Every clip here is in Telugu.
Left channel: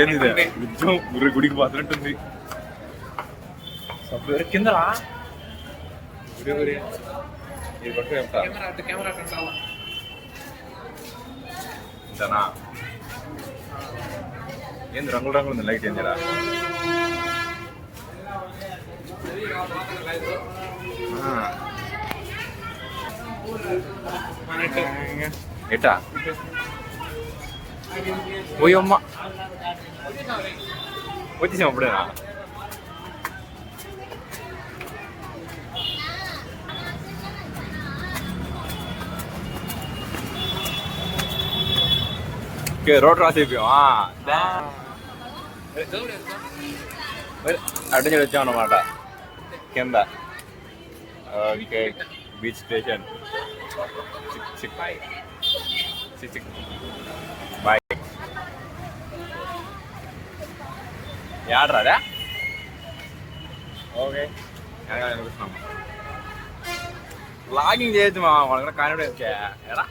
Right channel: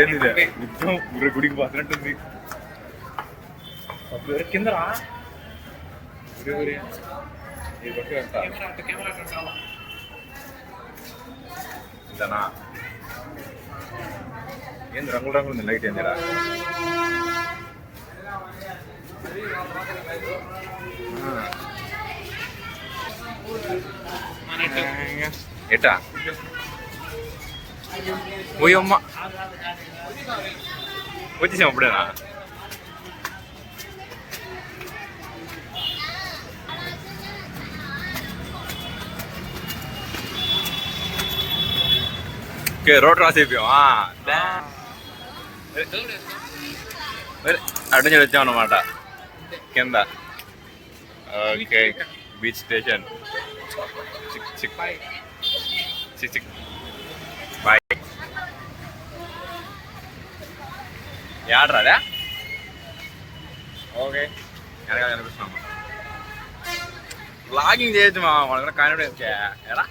ఏంది యుద్ధం గుడికి పోతున్నట్టుంది కిందరా ఇంతనా ఏంది రంగులు రంగులు ఉంది లైట్ ఏందిరా ఎట్టా పోయమ్మ వచ్చేసాం అప్పుడేనా ఓకే రోడ్ క్రాస్ అయిపోయాం అటు నుంచి వచ్చాం అన్నమాట కింద ఓకే బీచ్ స్టేషన్ బాయ్ యాడ్రాదా ఓకే వెనకాల కనిపిస్తున్నాం బ్లాగింగ్ చేయొచ్చు మా వాళ్ళ కూడా కాన్ఫిడెన్స్ ఎలా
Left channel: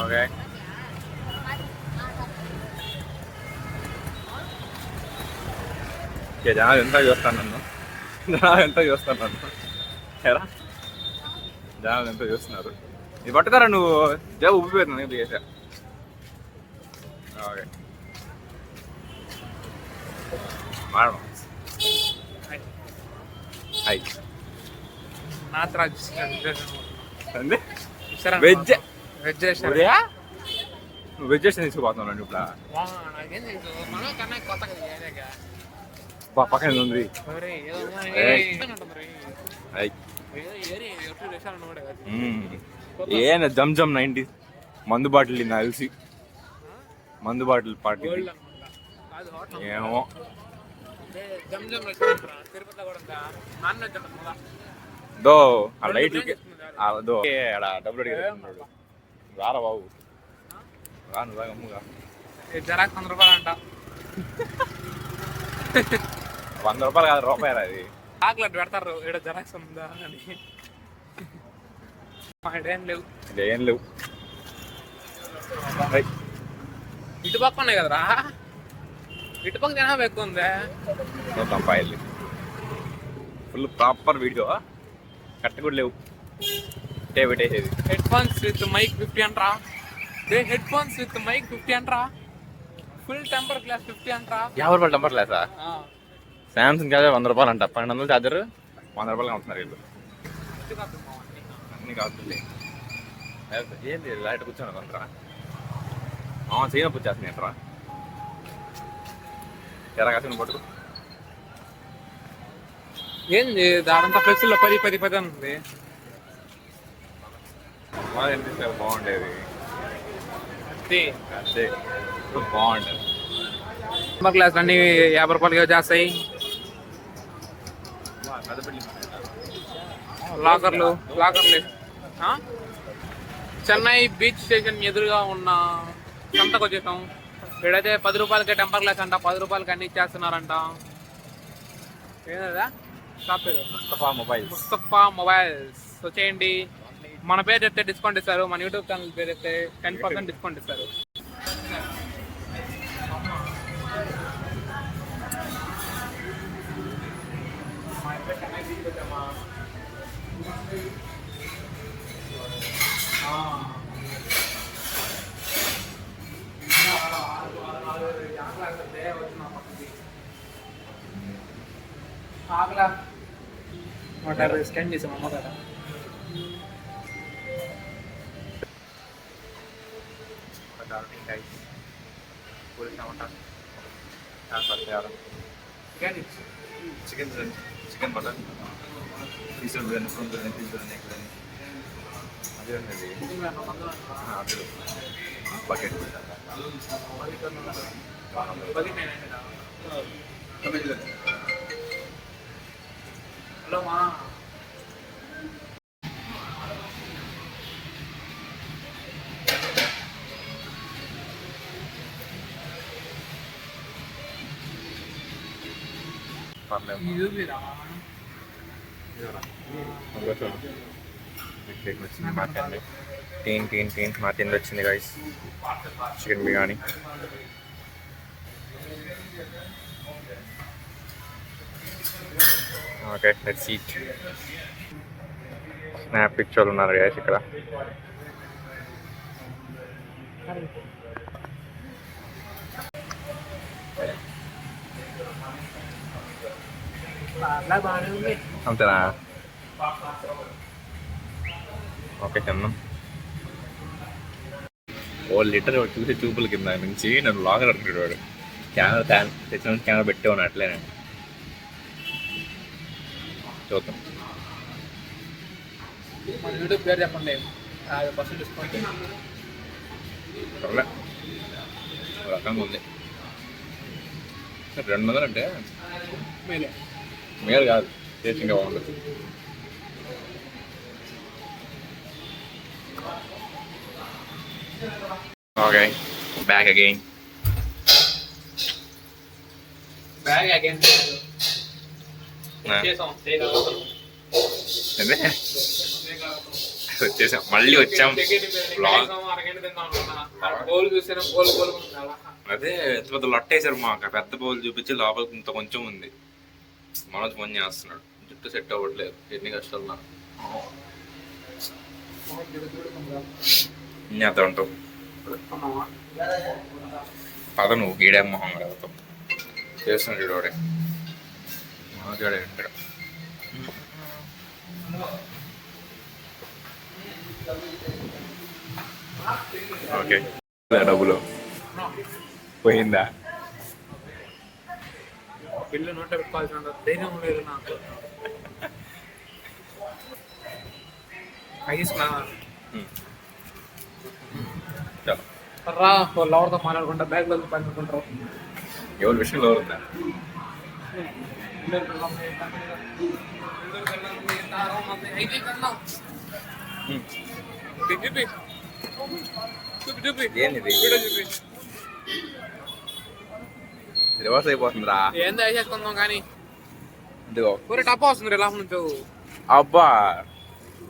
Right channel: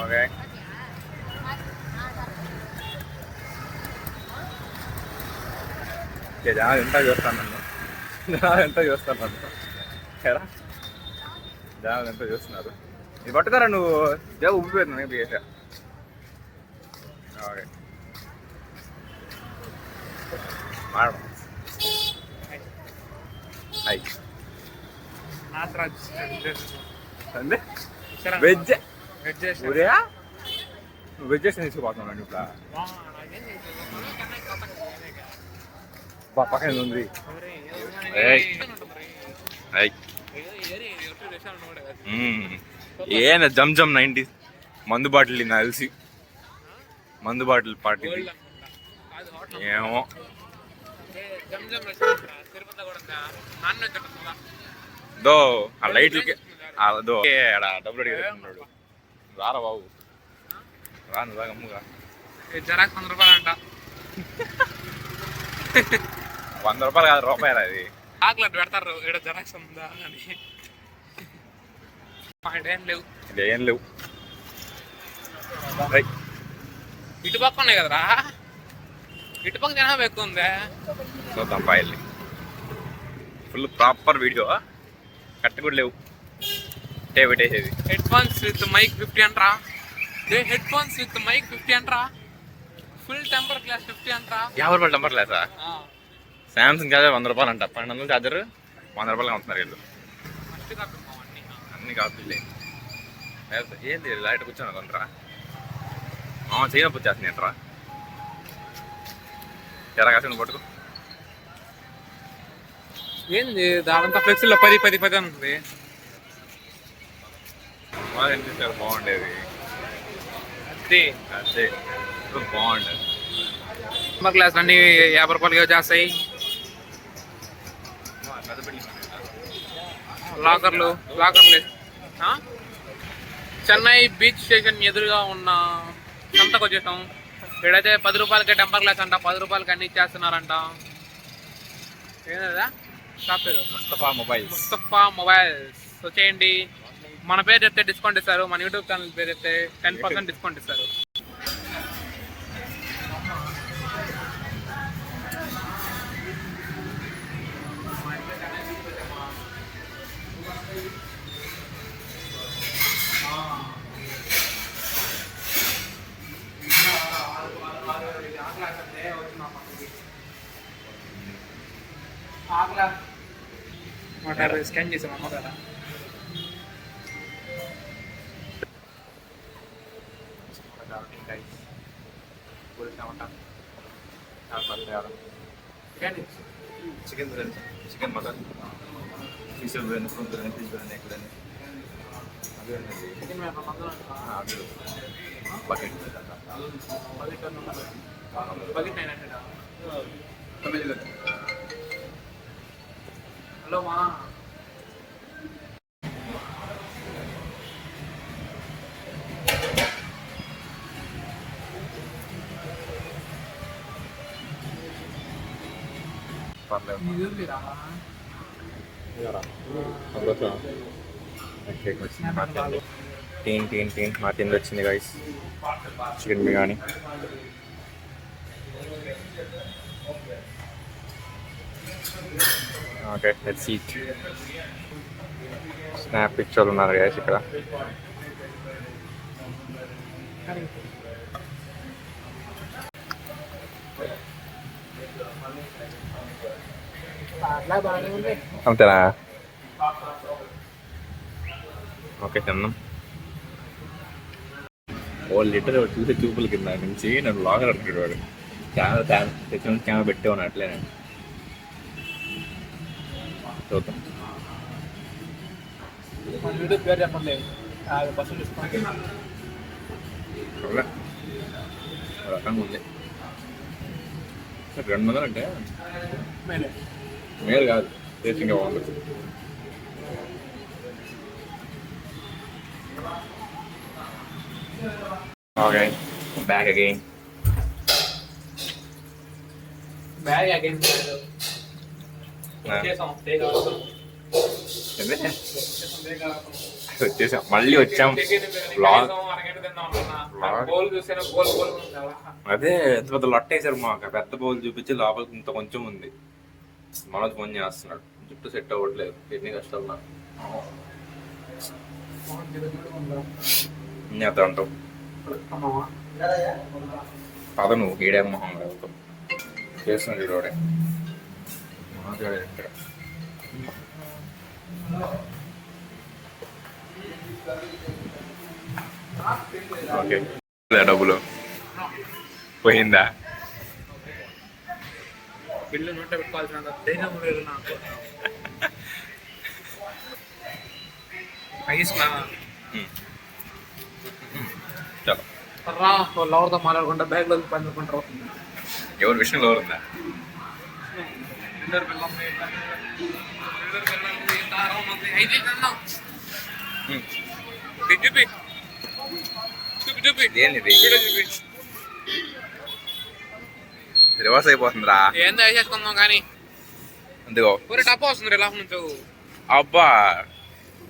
ఓకే జనాలు ఎంత చూస్తాను నన్ను ఎలా జనాలు ఎంత చూస్తున్నారు ఇది పట్టుతారా నువ్వు జబ్బు ఉబ్బిపోయింది నేను చేసా ఓకే మేడం హాయ్ వెజ్ ఉదయా నువ్వు వెజ్ చేసి తీసుకుపోతున్నావు ఇప్పుడు పక్కన ఉంది ఏనా జమ్ జమ్ 90 మందు బాటిల్ నాకు తెలిసి మందు బాటిల్ పార్టీ ఏమో దో ఆ లైట్లకి దో డబ్బులు అడిగాడు రారా బాబు రాను రా అమ్ముగా జరాక్ 100 రూపాయలు అంట 100 రూపాయలు కాదు రూపాయలు అది చాక్లెట్ పెడతారు ఇక్కడ జరాక్స్ ఉందా అని ఏం లేవు ఇటు పక్క ఉన్నాయి కదరా ఇటు పక్క జనాభా ఎక్కువ ఉందా చూద్దాం పాయల్ని ఫుల్ ప్రాపర్ వీడియో కరెక్ట్ కూడా లేవు పెట్టేసేది హెడ్ ఫోన్స్ విత్ మైక్ 50 అంటరా హెడ్ ఫోన్స్ విత్ మైక్ 50 అంటరా ఫుల్ టెంపర్ గ్లాస్ 50 అంటరా 50 రూపాయలు టెంపర్ గ్లాసా సామ్సంగ్ కాదే 100 రూపాయలు అంట 1200 చార్జర్ 100 రూపాయలు అమ్ముతున్నారు వీళ్ళు అన్ని కాపీలే ఏంది లైట్ కూర్చోను కొంతరా చేయనప్పు వచ్చేస్తుంది ఏంట్రా ఎరా కాసిన పట్టుకు ఏంది దానంతా ఫ్లెక్సీలో 10 అని ఉంది బాగుండేది అదే బాగుంటుంది టెంపర్ గ్లాస్ అన్ని 50 రూపాయలకి చేస్తాయి లాకర్లు చెన్నై బీచ్ స్టేషన్ ఎదురుగా ఉన్న సంతకు వచ్చేసాం ఇక్కడైతే 10 రూపాయలకే టెంపర్ గ్లాస్ అంట 10 రూపాయలకి అన్ని ఇచ్చేస్తున్నారంట ఏదా షాప్ పేరు ముస్తఫా మొబైల్స్ వచ్చేయండి మన పేరు చెప్తే డిస్కౌంట్ ఇస్తారు మన యూట్యూబ్ ఛానల్ పేరు చెప్తే 10% డిస్కౌంట్ ఇస్తారు స్కాన్ చేసాం అమ్మ కదా చికెన్ బర్గర్ పీసులు biryani full biryani piece biryani egg biryani అదే ఉన్నది బకెట్ హలో మా పర్లేదు వచ్చింది మా తిండి. టీన్ మా తిండి వచ్చింది guys. Chicken biryani. Okay let's eat. Snap పిక్చర్లు ఉన్నారు గైస్ ఇక్కడ. అంతేనా? ఓకే తిన్నాం. ఓ లీటర్ చూసే చూపుల కింద నుంచి నన్ను లాగర్ అంటాడు వాడు. కెమెరా తెచ్చిన కెమెరా పెట్టే ఉన్నా అట్లేనే చూద్దాం. యూట్యూబ్ పేరు చెప్పండి. 50% డిస్కౌంట్. రకంగా ఉంది. 200 అంటే మేలు కాదు, టేస్ట్ ఇంకా బాగుంటుంది. Okay back again. Bag again వచ్చేసాం, మళ్ళీ వచ్చాం. బ్లాగ్ అదే ఎంత పెద్ద లొట్టేశారు మాకు. పెద్ద బౌల్ చూపించి లోపలికి ఇంత కొంచెం ఉంది. మనోజ్ ఫోన్ చేస్తున్నాడు, జుట్టు సెట్ అవ్వట్లేదు, ఎన్ని కష్టాలు నాకు. ఎంత ఉంటావు పద నువ్వు ఈడే మొహం వెళ్తాం చేస్తున్నాడు ఈడోడే. మనోజ్ గాడే ఇక్కడ. ఓకే డబ్బులు పోయిందా? బిల్లు నోటే పెట్టుకోవాల్సిన ధైర్యం లేదు నాకు. రా లవర్తో మాట్లాడుకుంటా బ్యాగ్లో పండుకుంటారు. ఎవరి విషయంలో ఎవరుందా? ఏంది రివర్స్ అయిపోతుందిరా. ఏందో వేసేసుకుందాం కానీ అందుకో టప్ వస్తుంది ఇలా నుంచి. అబ్బా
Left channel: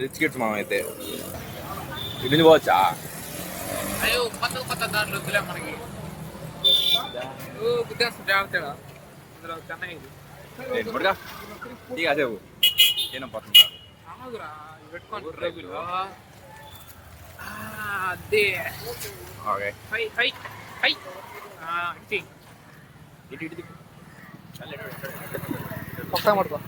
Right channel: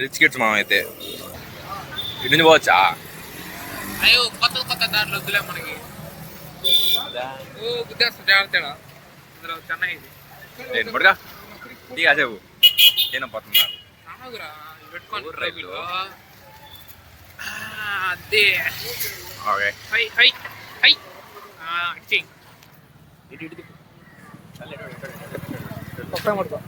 రిచ్ కిడ్స్ మనం అయితే ఇటు పోవచ్చా? అయ్యో కొత్త కొత్త దాంట్లో వద్దులే మనకి. గుద్దేస్తుంది జాగ్రత్త. అందులో చెన్నై ఇది పడుగా టీ కాసేపు ఏం పోతున్నా పెట్టుకోండి. అదే ఓకే హై హై హై ఒకసారి పడుకో.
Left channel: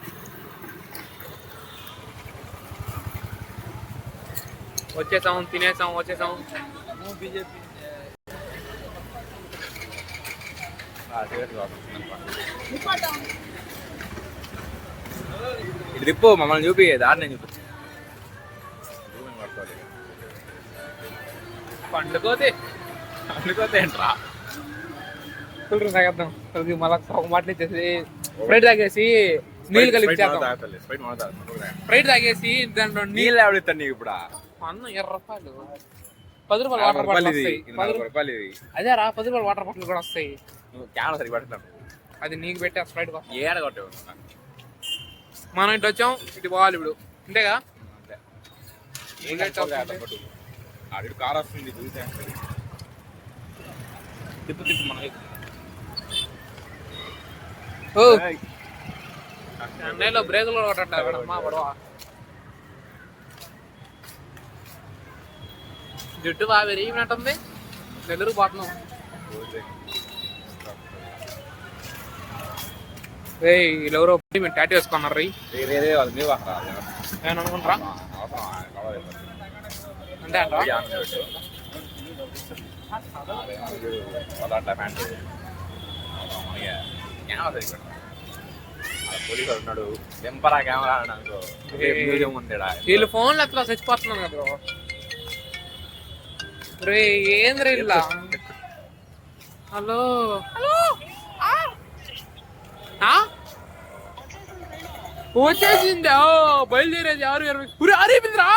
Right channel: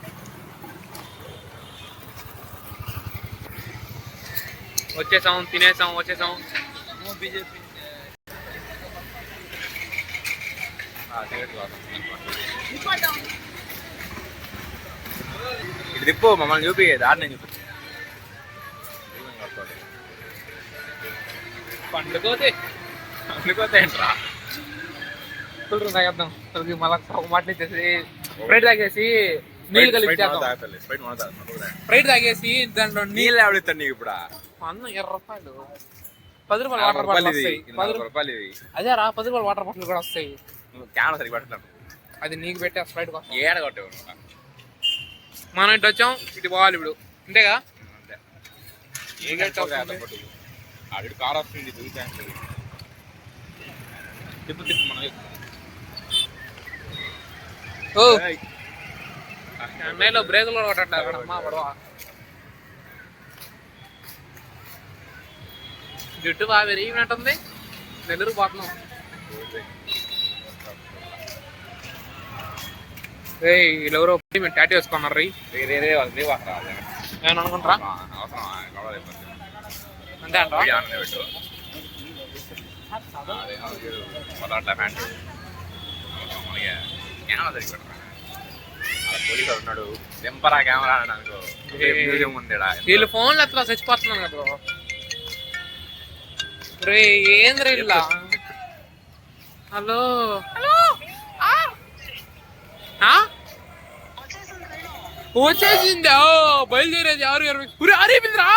వచ్చేసాం, తినేసాం, వచ్చేసాం. బీజేపీ ఇటు తిప్పు, మమ్మల్ని చూపి దారిని చూపి. పండుకోతే ఏంట్రా ఫుల్ తాగేద్దాం. మళ్ళీ ఒక మాటలు ఇచ్చేసి స్ప్రైట్ తాగేసి నీళ్ళు కలిపి చేద్దాం. స్ప్రైట్ తాగేసి దాంట్లో నీళ్ళు ఎవడతాను నీకు ఇప్పుడు? అన్న 20 రూపాయలు 10 రూపాయలు వాటర్ బాటిల్ వస్తాయి. 10 రూపాయలు అదే రా 10 రూపాయలు వాటర్ బాటిల్ కూడా వస్తాయి. కెమెరా సరిగ్గా పడుతున్నాను. అది నీకు పెట్టే స్ప్రైట్ కోసం ఏడ కొట్టేవు. మనం ఇటు వచ్చాం, ఇటు పోవాలి ఇప్పుడు. అంతేగా? అంతే. ఏం కట్టుకోలేదు. ఆడు కార్ వస్తుంది తిప్పు తిప్పు మనం. ఓ చెన్నైలో బ్రేకులు కూడా కొట్టట్లేదు అమ్మా పడవ. జుట్టు బాగా విరిగినట్టుంది. నెల్లూరు పోతున్నాం. వీళ్ళెవరో మేము టాటూ వేసుకున్నారు. నేను అనుకుంటారా అంటే అంట పోలీసు ఉన్నాడు. టెంపరా కెమెరా అనుకో. వీళ్ళు ఫోన్లు ఎట్లా చచ్చిపోతున్నాను కదా. రే ఏంద్ర ఇలా? హలో హలో వచ్చేసిందా? బయలుదేరేది 6:20. అరేమింద్రా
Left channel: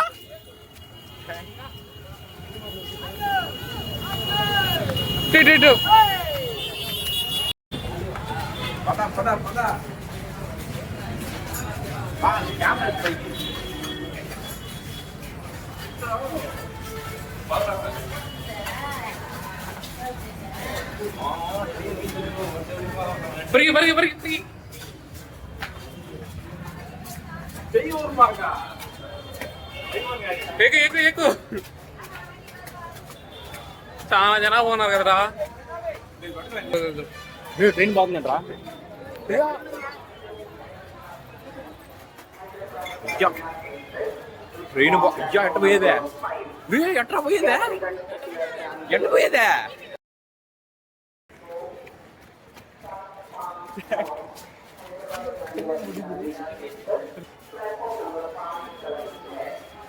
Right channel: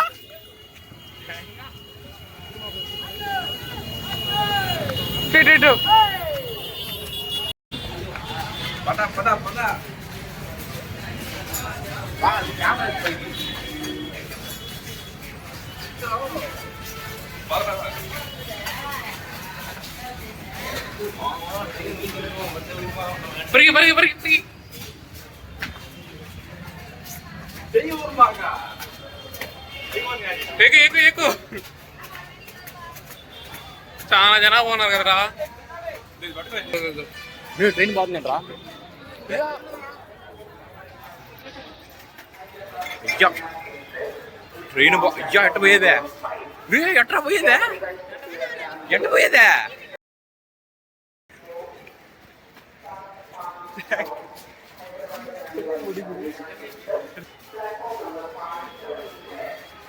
పద పద పద. పరిగి పరిగి పరిగి పరిగి ఎక్కు ఎక్కు ఎక్కు. చాలా జనాభా ఉన్నారు కదరా. ట్రైన్ బాగుందంటరా. ట్రైన్ అయ్యా ఎట్ట పోయేదే ఎట్రా పోయేదే ఎట్ట పోయేదే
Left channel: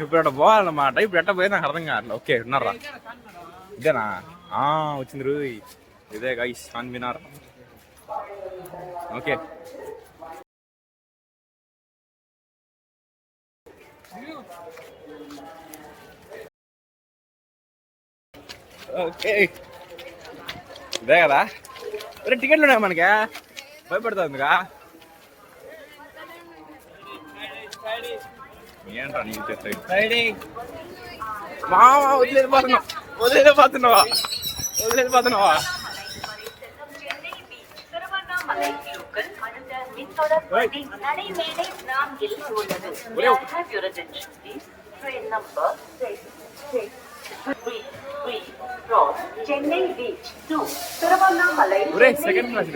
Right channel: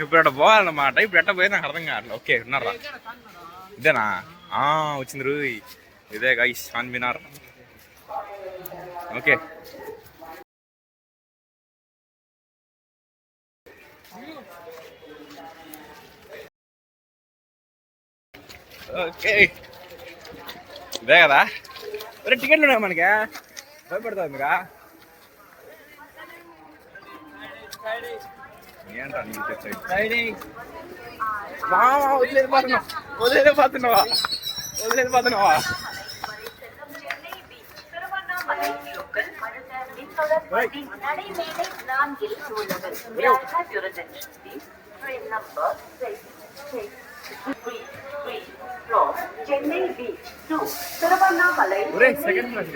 ఇప్పుడు అట్ట పోవాలన్నమాట. ఇప్పుడు ఎట్ట పోయేది నాకు అర్థం కావట్లేదు. ఓకే ఉన్నారా ఇదేనా వచ్చింది రూ ఇదే గైస్ చార్మినార్. ఓకే ఓకే ఇదే కదా. ఒరే టికెట్లు ఉన్నాయి మనకి, భయపడుతుందిగా ఏంట్రా నీకు తెచ్చాయి మామ. వదిలేపోతున్నావా సెకండ్ క్లాస్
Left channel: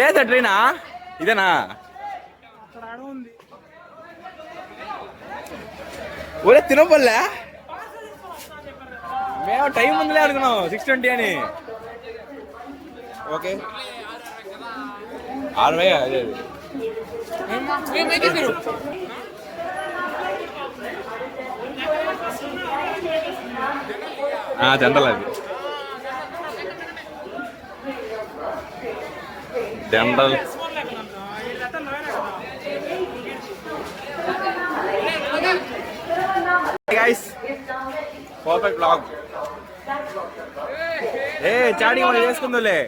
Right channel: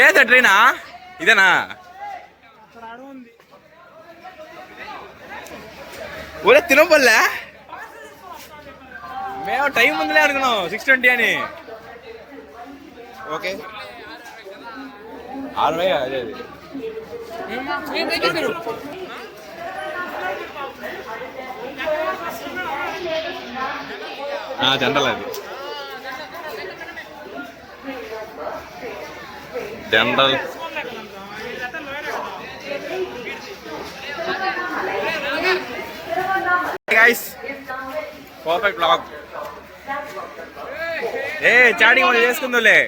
ఏదా ట్రైనా ఇదేనా? ఒరే తినపల్లే మేము టైం ఉందిలే అనుకున్నాం 6:20 అని. ఓకే 60 అదే జనరల్ అది general. Guys perfect blog. Chatting మనం చేసుకుందులే.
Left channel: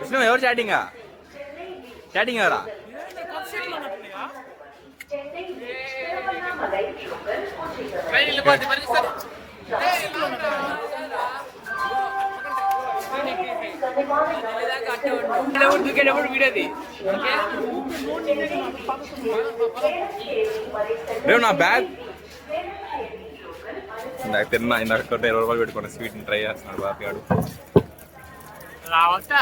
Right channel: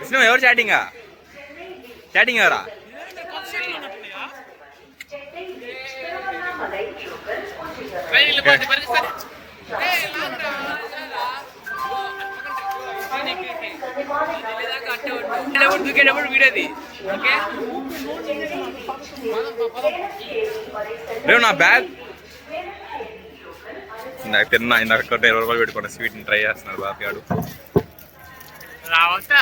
విష్ణు ఎవరు చాటింగా? చాటింగ్ ఎవరా? రేపు నా బ్యాగ్ ఇందాక తిన్నా. ఇందాక 20 రూపాయలు పెట్టుకున్న స్వీట్ని ట్రై చేస్తున్నాడు బాపి ఆడు. రావచ్చా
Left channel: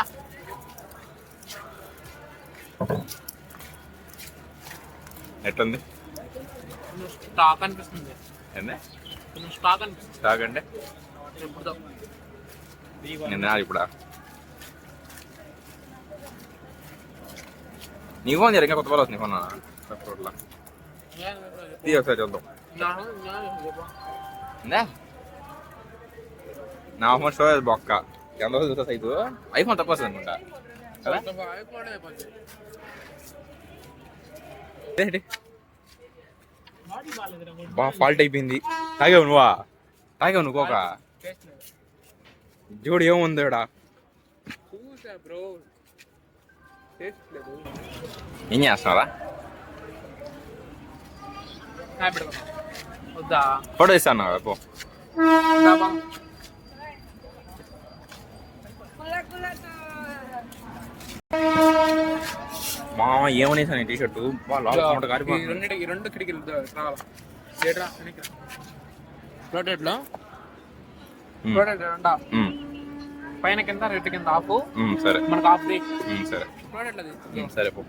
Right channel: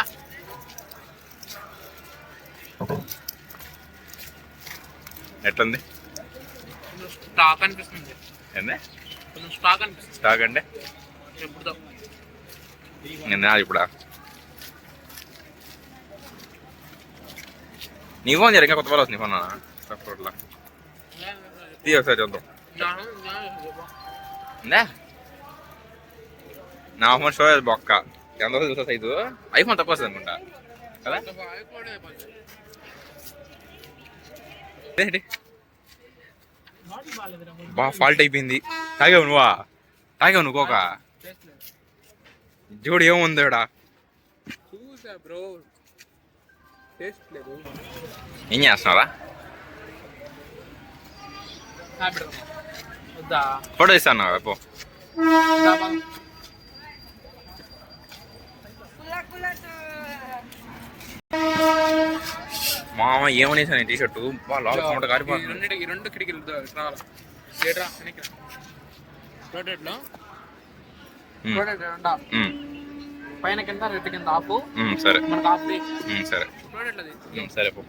ఎట్లుంది? స్టాక్ అనిపిస్తుంది. ఏంది స్టాక్ అనిపిస్తుంది? స్టాక్ అంటే ఎప్పుడు నేను ఇప్పుడా నీ ఫోన్ ఇంకా కొత్త వాళ్ళు వస్తుంది. ఫోన్ రోడ్లా తీ ఒకసారి చూద్దాం. నా ఫోన్ స్టోరేజ్ బొక్క ఎంత చూసా సైజు. ఐఫోన్ తక్కువ వస్తుంది అనుకుంటా కదా. బాగా ఫాల్ట్ అయిపోయింది. తాగావు నువ్వు కోక చూడు ఏముంది ఇక్కడ. ఏం చేస్తున్నారా? ఫోటో ఇస్తాను పో. మామ ఏమనేసాను టీ షర్టు బాగా కారిపోతుంది. రెండు కిటికీలు పైన కింద రెడ్ కింద ఆఫ్. సరే మనకు ఆఫ్ సరే సరే పో.